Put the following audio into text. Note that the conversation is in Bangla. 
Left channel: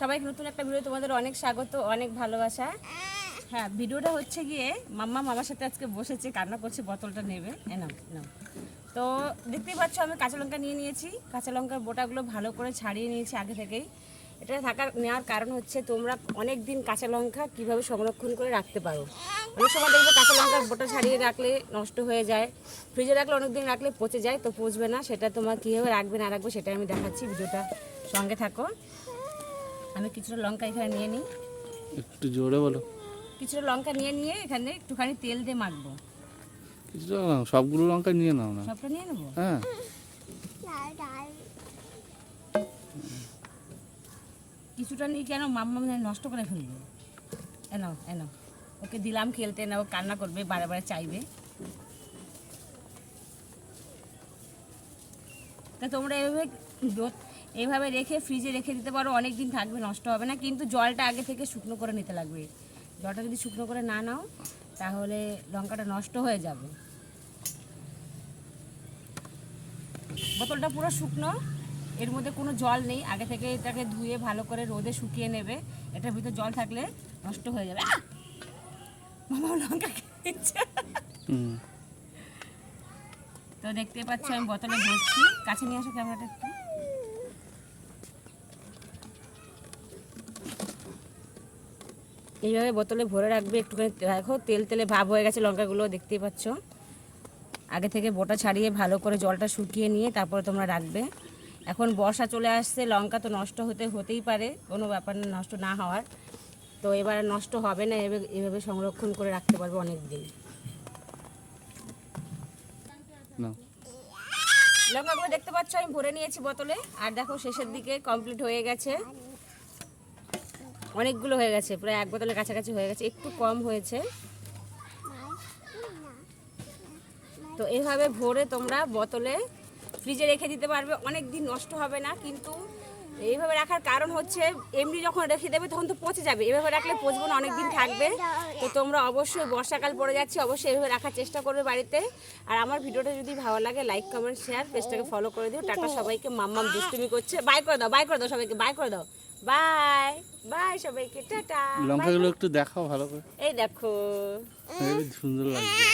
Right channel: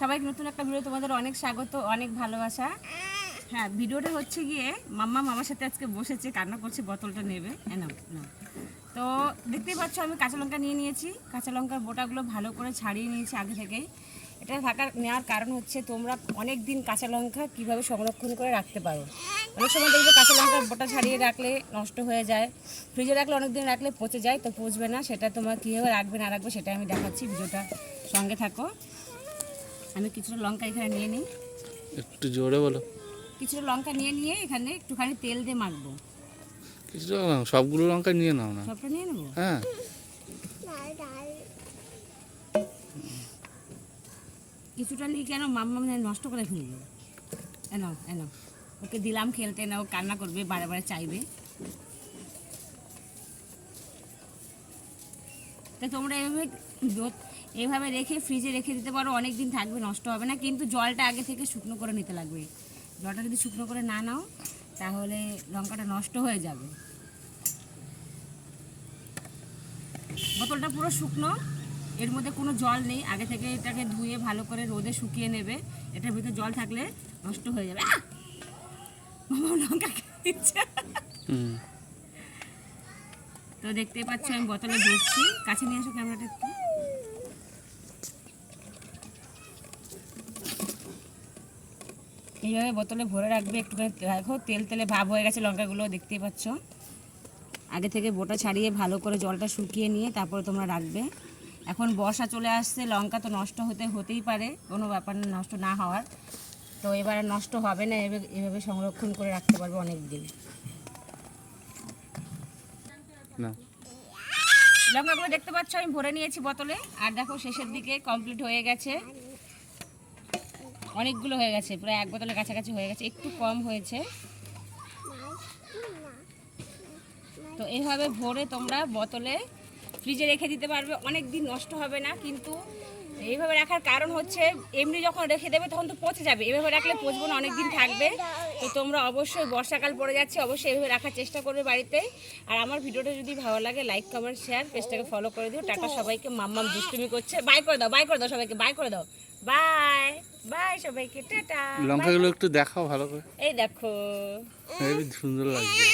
সবাইকে নতুন একটা ভিডিও তোমাদের অনেক স্বাগত, অনেক ভালোবাসা। হ্যাঁ ভিডিওটা হচ্ছে গিয়ে মাম্মা মামার সাথে আজকে বসেছে, কান্না করছে, বোতলটা নেবে। নাও নাও। তো দেখতেই পাচ্ছ, আমি কাঁচা লঙ্কা নিয়ে নিয়েছি। কাঁচা লঙ্কার বোটাগুলো ভালো করে ছাড়িয়ে নিয়েছি আগে থেকেই। এটা থাকার, নেওয়ার কারণ হচ্ছে তোমরা অনেক দিন কাঁচা লঙ্কা কীভাবে সংরক্ষণ করে রাখতে পারো। অনেক সময় দেখবে কাঁচা লঙ্কার বোটা ছাড়িয়ে রাখলে নষ্ট হয়ে যায়। ফ্রিজে রাখলে অনেক দিন রাখলে পচে যায়, তো পচবে না। সেটা তোমার কীভাবে রাখবে, না রাখবে সেটা আমি দেখাচ্ছি। ভিডিওটা সঙ্গে থাকো। আমি কিছুটা লঙ্কা এখানে নিয়ে নিই। একটু জোরে বলো। কিছুটা লঙ্কা নিয়ে নিয়ে এখানে একটুখানি তেল দিয়ে মাখবো। কিছু না, সবগুলো লঙ্কা নিয়ে নাও না। সবটা নিয়ে নেব? হ্যাঁ। কিছুটা নিয়ে কেন মাম্মা মানে নষ্ট করে ফেলবে। এনো এনো ওকে দিলাম খেলতে না ও কান্না করবে বারে বারে চাইবে। তা তোমরা এভাবে এইভাবে রেখে ফ্রিজে রেখে দিতে পারো অনেক দিন থাকবে নষ্ট হবে না। কিন্তু জলটা আগে থেকে শুকনো করে নিতে লাগবে। জলটা যদি শুকনো করে না নাও তাহলে লঙ্কাটা নষ্ট হয়ে যাবে। বোতলটা পুরো শুকনো। এর মধ্যে কোনো জল নেই। আগে থেকে এটাকে ধুয়ে ভালো করে রোদে শুকিয়ে নেবে। এটার ভিতরে জল থাকলে নষ্ট হয়ে যাবে। আহ! মামা লঙ্কা তো দেখতে পাচ্ছ আমি বোতলে ভরছি কাছে নিয়ে আসো ক্যামেরাটা একটু। এইভাবে বোতলে ভরে রাখবে একটুখানি। দেখো তেল তেলে ভাব হয়ে গেছে লঙ্কাগুলো দেখতেই পাচ্ছ। আগে থেকে বোটা ছাড়িয়ে ভালো করে জলটা শুকিয়ে নিয়ে তারপরে তোমরা রাখবে। এখন বর্ষা চলে আসছে লঙ্কা তো নষ্ট হতে হতেই পারে কোনো ব্যাপার না নষ্ট না হওয়ার। তো এবার নষ্ট হবে না এভাবে সংরক্ষণ করে রাখতে পারব অনেক দিন লঙ্কাগুলো দেখতে পাচ্ছ আমি ভরে নিয়েছি বোতলে। আর দেখো শেষের দিকে কমপ্লিট হয়ে গেছে। অনেকগুলো হয়ে গেছে, প্রায় এক বোতলের কাছাকাছি হয়ে গেছে, একটু কম হয়েছে। তো এইভাবে ভরে তোমরা বোতলে ফ্রিজে রেখে দিতে পারবে অনেক দিন নষ্ট হবে না, কিন্তু এইভাবে রাখার কারণ হচ্ছে এমনি যখন রেখে দেবে তখন তো পচে যাবে। এভাবে রাখলে পচবো না অনেক দিন থাকবে। তো তোমরা অবশ্যই বর্ষাকাল পড়ে যাচ্ছে অবশ্যই এভাবে রাখার চেষ্টা করবে বাড়িতে। আর আমার ভিডিওটা যদি ভালো লাগে লাইক কমেন্ট শেয়ার পেজটাকে ফলো করে দিও। টাটা সবাইকে মাম্মাম দুষ্টুমি করছে। বাই করে দাও বাই করে দাও সবাইকে বাই করে দাও। বাই বাই সবাইকে টাটা লঙ্কাগুলো একটু দেখাও ভালো করে। এই দেখো। সুন্দর লাগছে।